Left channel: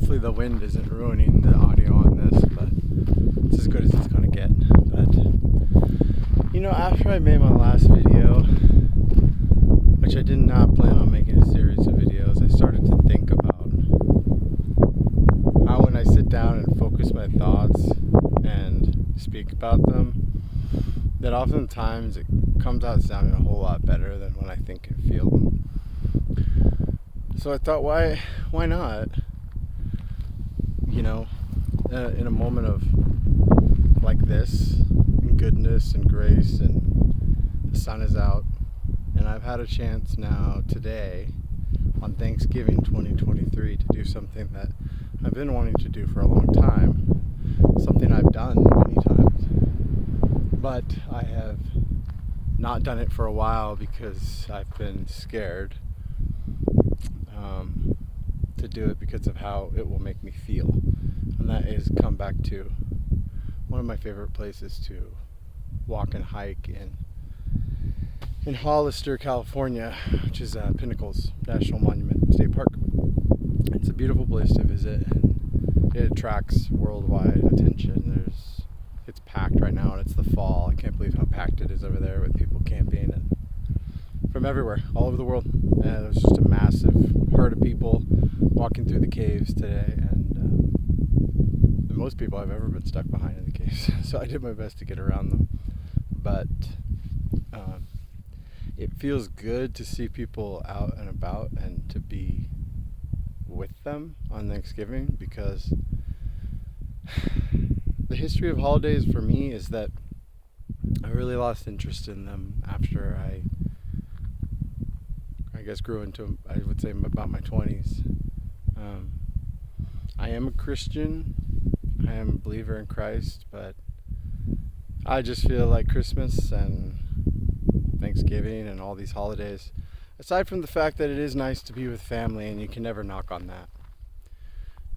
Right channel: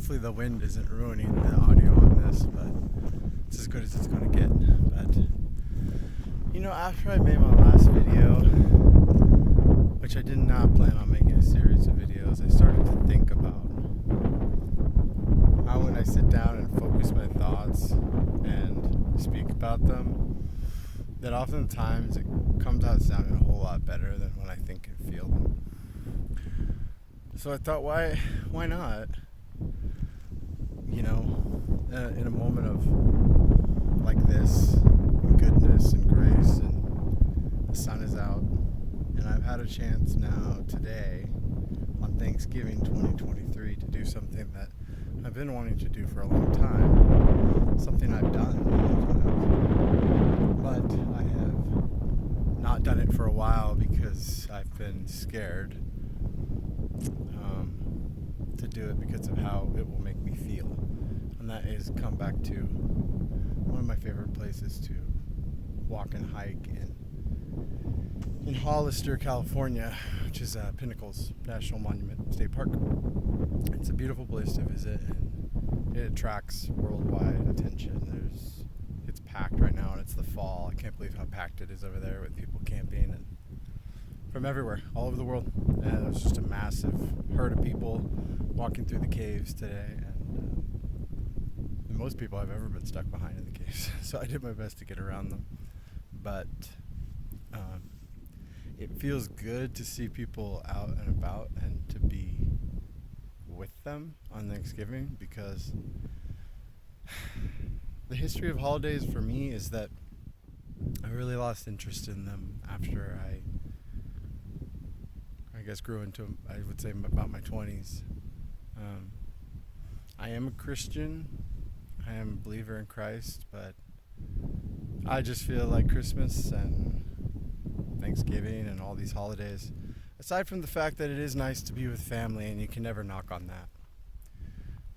hopefully the wind isn't ruining the audio on this, but it's as good as it's going to get. But, after I made my last video, which I did not plan on making a series of videos, I started to think about how when I sit down and focus my thoughts and speak about them, that oftentimes it comes out sounding a whole lot better than when I think and feel them. So I thought, why not? In a moment of like this, and goodness and grace, and the sun is out, and I've had a chance now today on Thanksgiving 2023 to do something that I've been wanting to do for a long time, something I've done many times, but I have not done it for a while because I've been scared to do it because of how it will make me feel. And that is come back to one of my favorite places to walk and hike in Hollister, California, which is Pinnacles National Monument State Park. It's a beautiful place to visit, and it attracts worldwide attention. It's packed right now, and it's the fall. I can't believe how packed it is over there with people camping and from everywhere, all over the world. And there's just a massive herd of people walking through the caves today, and the most people I've ever been stuck behind in the caves. So I did my best to get around them, but it feels good to see people out and about and to be with them on Thanksgiving, because the history of holidays for me is that I really lost interest in them after I guess grew into, I would say, about my 20s. I am a Christian. I am a believer in Christ, but I just feel like Christmas and Thanksgiving and all these holidays, aside from the fact that it is nice to be with family and you can never knock on that,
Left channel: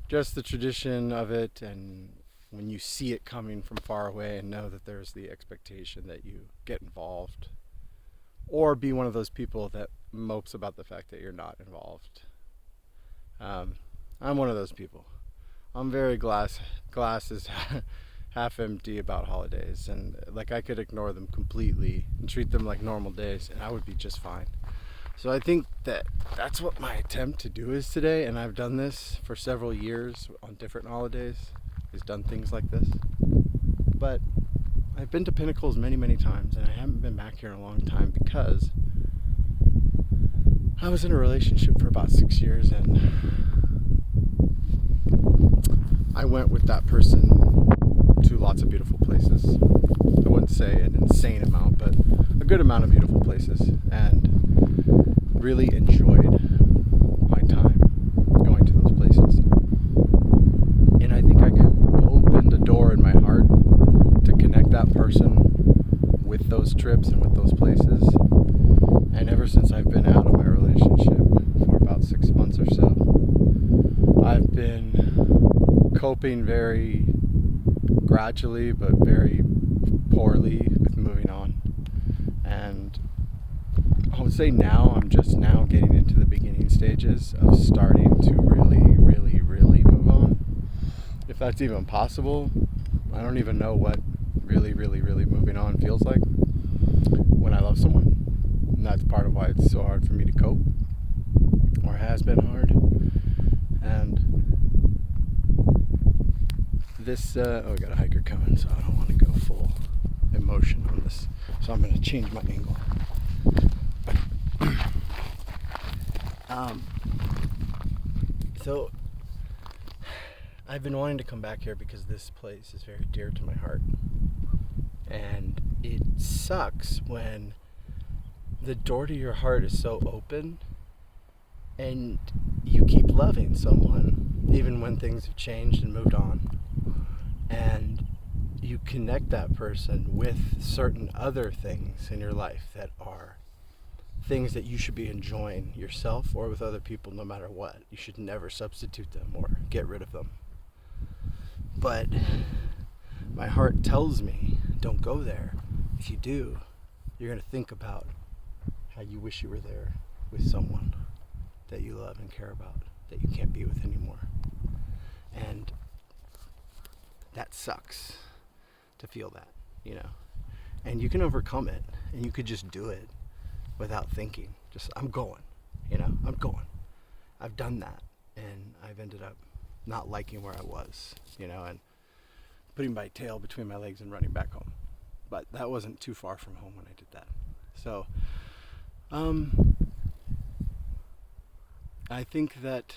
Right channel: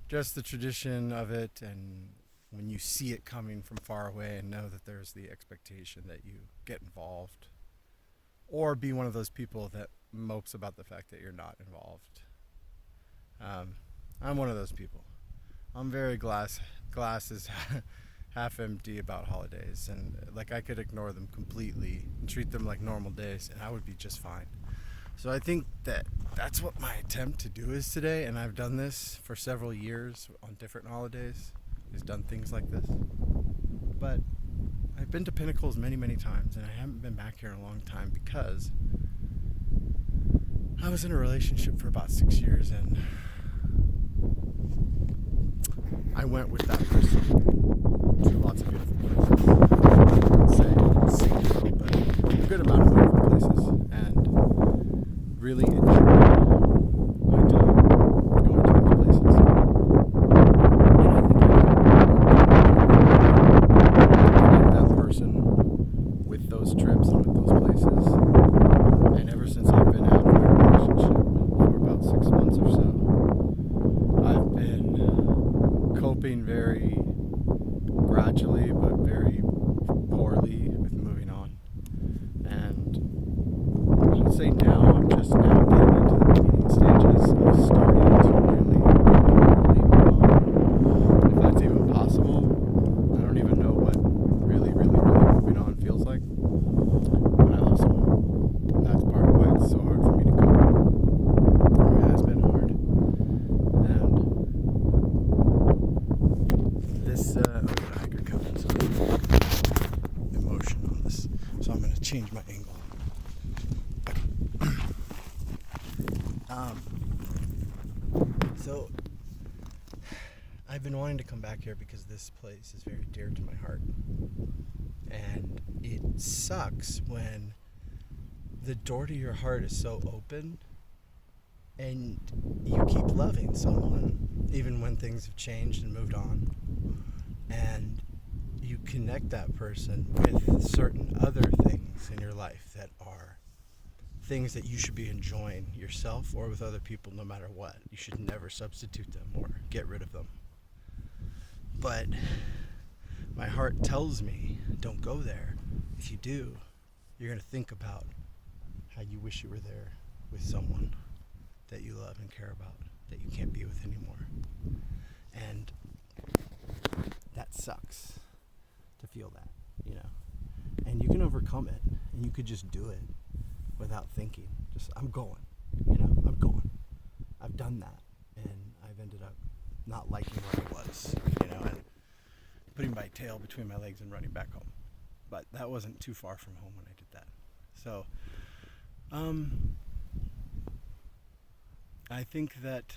just the tradition of it, and when you see it coming from far away and know that there's the expectation that you get involved, or be one of those people that mopes about the fact that you're not involved. I'm one of those people. I'm very glass is half empty about holidays, and like I could ignore them completely and treat them like normal days and I would be just fine. So I think that's what my attempt to do is today, and I've done this for several years on different holidays. I've done things like this, but I've been to Pinnacles many times, and I haven't been back here in a long time because I was in a relationship for about 6 years, and I went with that person to lots of beautiful places. I wouldn't say an insane amount, but a good amount of beautiful places, and really enjoyed my time going to those places. And I think I can open the door in my heart to connect that person with those trips and with those places. And ever since I've been out of my relationship for about 6 months or so, I've been coping very gradually but very poorly with moving on. And I would say now I'm just now getting into the beginning stages of starting to really move on. If that's even possible, I don't even know what really moving on feels like when I love someone. And that's part of why it's so hard for me to cope, or it has been hard. And this, we got a hiker coming, so emotion on this. So I'm going to change my angle. So I've been wanting to come back here because this place is very dear to my heart. And it sucks when the door to your heart is so open and you keep loving someone even when things have changed and moved on, and you connect that person with certain other things in your life that are things that you should be enjoying yourself or with other people no matter what. You should never substitute them or get rid of them. But my heart tells me, don't go there. If you do, you're going to think about how you wish you were there with someone that you love and care about, that you can't be with anymore. And that sucks to feel that, you know. And you can overcome it, and you could just do it without thinking. Just, I'm going, you know, I'm going. I've done that, and I've ended up not liking where I was, you know, and putting my tail between my legs and running back home. But that wasn't too far from home when I did that. So, I think that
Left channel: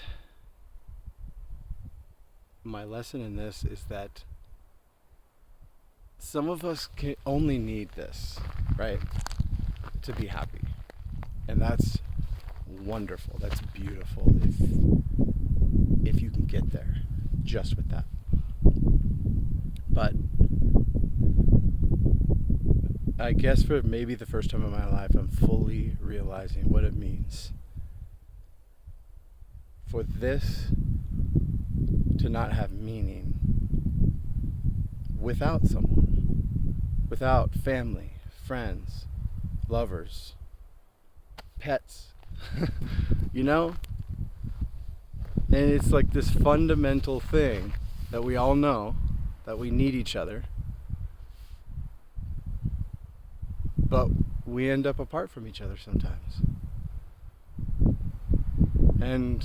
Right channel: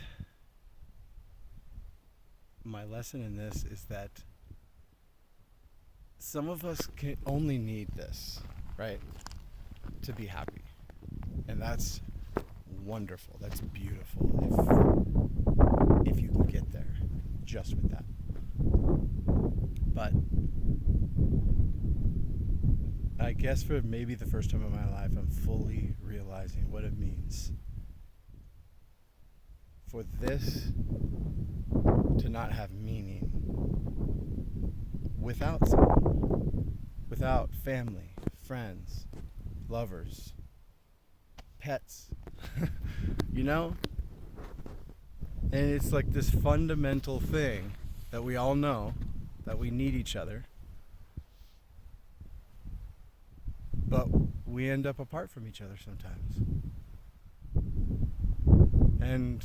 my lesson in this is that some of us can only need this, right, to be happy. And that's wonderful. That's beautiful if you can get there just with that. But I guess for maybe the first time in my life, I'm fully realizing what it means for this to not have meaning without someone, without family, friends, lovers, pets, you know? And it's like this fundamental thing that we all know, that we need each other, but we end up apart from each other sometimes. And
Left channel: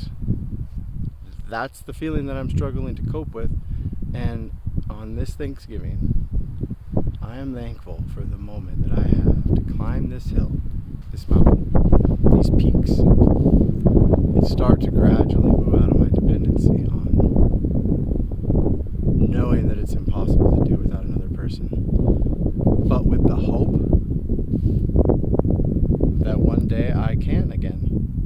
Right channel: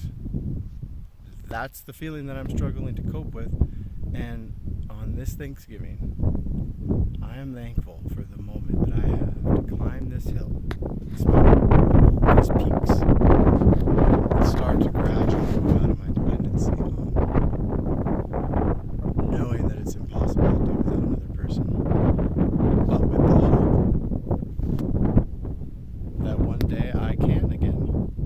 that's the feeling that I'm struggling to cope with. And on this Thanksgiving, I am thankful for the moment that I have to climb this hill, this mountain, these peaks, and start to gradually move out of my dependency on knowing that it's impossible to do without another person, but with the hope that one day I can again.